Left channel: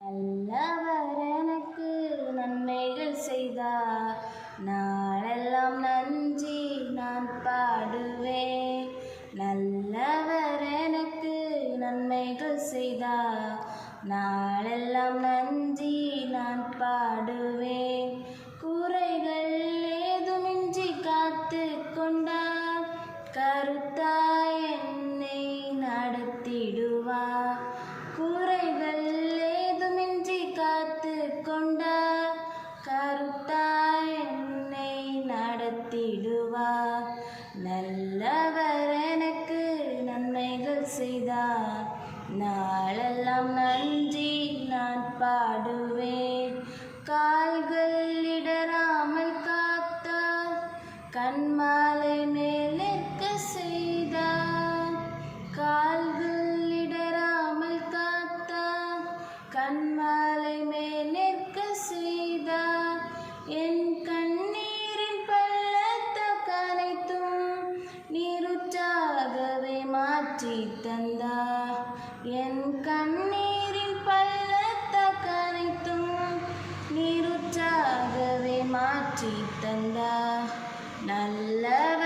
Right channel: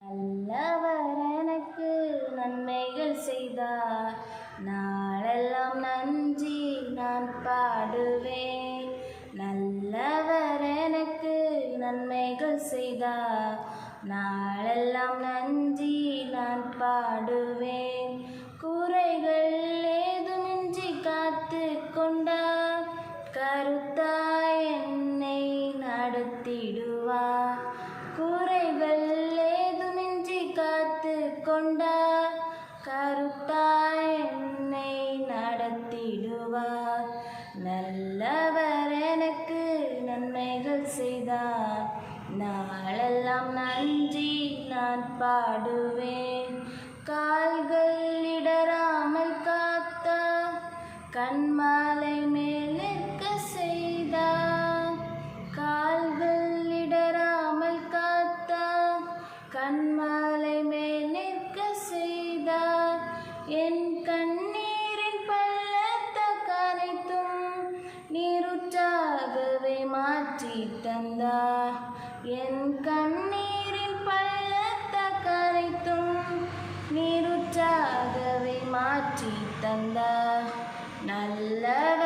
நல்லவர் எனக்கு நன்மைகள் செய்தார், நாளெல்லாம் நன்றி நான் பாடுவேன். நல்லவர் எனக்கு நன்மைகள் செய்தார், நாளெல்லாம் நன்றி நான் பாடுவேன். குறைகள் ஏதுமின்றி காத்து கொண்டார், கருத்தாய் என்னை நடத்திடுவார். குறைகள் ஏதுமின்றி காத்து கொண்டார், கருத்தாய் என்னை நடத்திடுவார். நல்லவர் எனக்கு நன்மைகள் செய்தார், நாளெல்லாம் நன்றி நான் பாடுவேன். கால்கள் இடராமல் காத்தார், கண்மாலை மேலிருக்க செய்தார். கால்கள் இடராமல் காத்தார், கண்மாலை மேலிருக்க செய்தார். என் கண்ணீரின் பள்ளத்தாக்கு அனைத்தும் நீரூற்றாகவே மாற்றி தந்தார். என் கண்ணீரின் பள்ளத்தாக்கு அனைத்தும் நீரூற்றாகவே மாற்றி தந்தார். நல்லவர்